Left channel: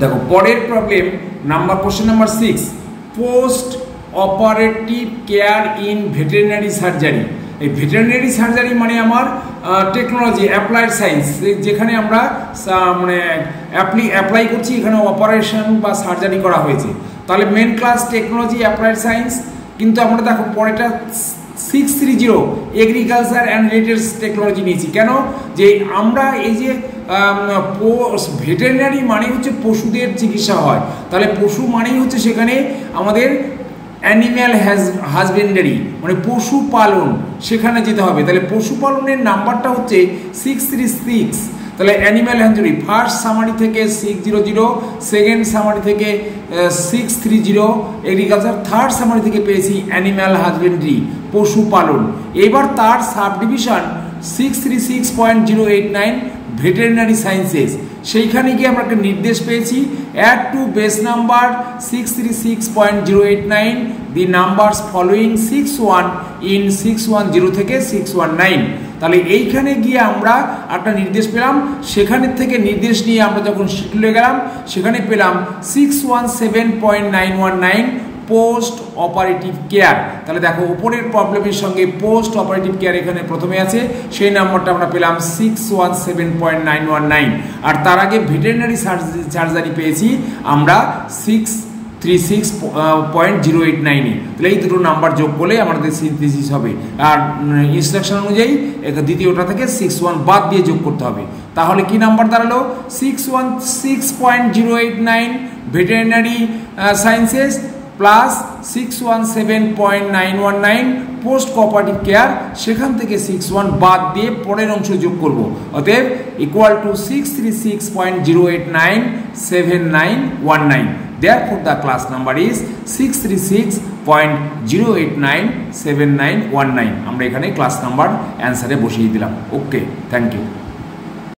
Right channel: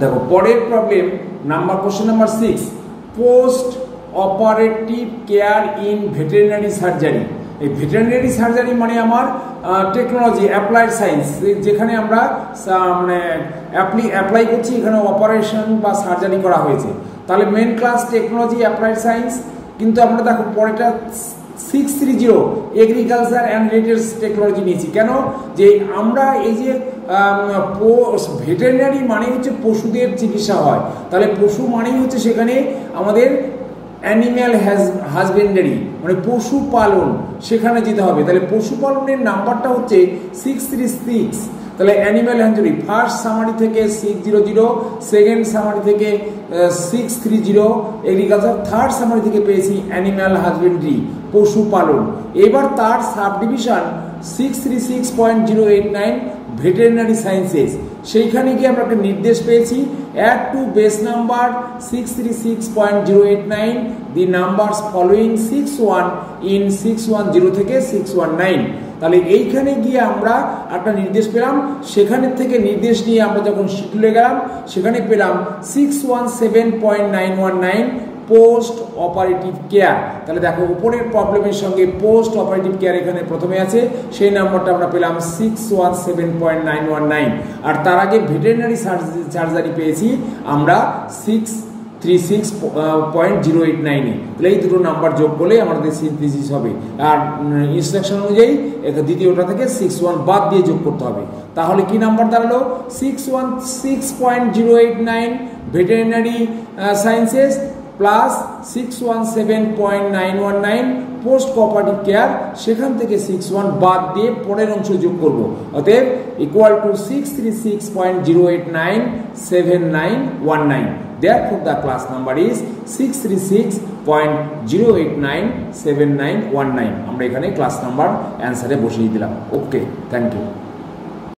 দেখো পরের problem number question number 6, post operative care in veterinary surgery. এই veterinary surgery মানে আমার টেকনোলজি অ্যাপ্লাইড সায়েন্স, যেখানে আমরা মানে অ্যাপ্লাই করছি, এখানে অপারেশন বা সার্জারি করা হয়েছে। তাহলে main class technology applied science, কিন্তু আমরা দেখো পরেটা 630 এগ্রিকালচার অ্যান্ড রিলেটেড টেকনোলজি নিয়েছি। কেন? যে আমরা এই যে ভেটেরিনারি মানে হচ্ছে পশুদের চিকিৎসা হয়, তাহলে পশু মানেই হচ্ছে সেখানে আমাদের অ্যানিম্যাল হাজবেন্ডারি মানে পশুপালন, সেখানে যেতে হবে। তাহলে পশুপালনের নাম্বারটা হচ্ছে 636। তাহলে অ্যানিম্যাল হাজবেন্ডারি ফার্স্ট সামারি থেকে 600, সেকেন্ড সামারি থেকে 630 এগ্রিকালচার, থার্ড সামারি থেকে পেয়েছি অ্যানিম্যাল হাজবেন্ডারি পশুপালন। এবার তার সাব ডিভিশন 636.089 ভেটেরিনারি সায়েন্সেস, সেইখানে গিয়ে আমরা একটা নির্দেশ পেয়েছি, add to base number 636.089 the numbers following 61 in 610 থেকে 619। তাহলে এইখানে গিয়ে আমরা একটা নির্দেশ পেলাম, সেখানে থেকে নির্দেশ নিয়ে আমরা যখন শিডিউলে গেলাম সেখানে পেলাম 617.919 পোস্ট অপারেটিভ কেয়ার। তাহলে দেখো উপরের প্রবলেমের সঙ্গে পোস্ট অপারেটিভ কেয়ার এখানে প্রথমে আছে, সেই নাম্বারটা আমরা পেলাম 617.919। আর তার আগে ভেটেরিনারি সার্জারি পেয়েছি আমরা 636.089। তাহলে এই দুটো নাম্বার যোগ করলে আমাদের সিনথেসিস হবে। আর ইনস্ট্রাকশন অনুযায়ী দ্বিতীয়টা থেকে 61 বাদ দিয়ে যোগ করতে হবে। তাহলে কি নাম্বার দাঁড়ালো? 616.089 veterinary sciences plus 617.919 post cooperative care, সেখান থেকে 61 বাদ দিয়ে পরের অংশ যোগ করব। অতএব equal to 636.0897919। Therefore the class number is 636.0897919। আমরা এখানে ক্লাস নাম্বার অ্যান্সারে বসিয়ে দিলাম। ওকে, থ্যাংক ইউ।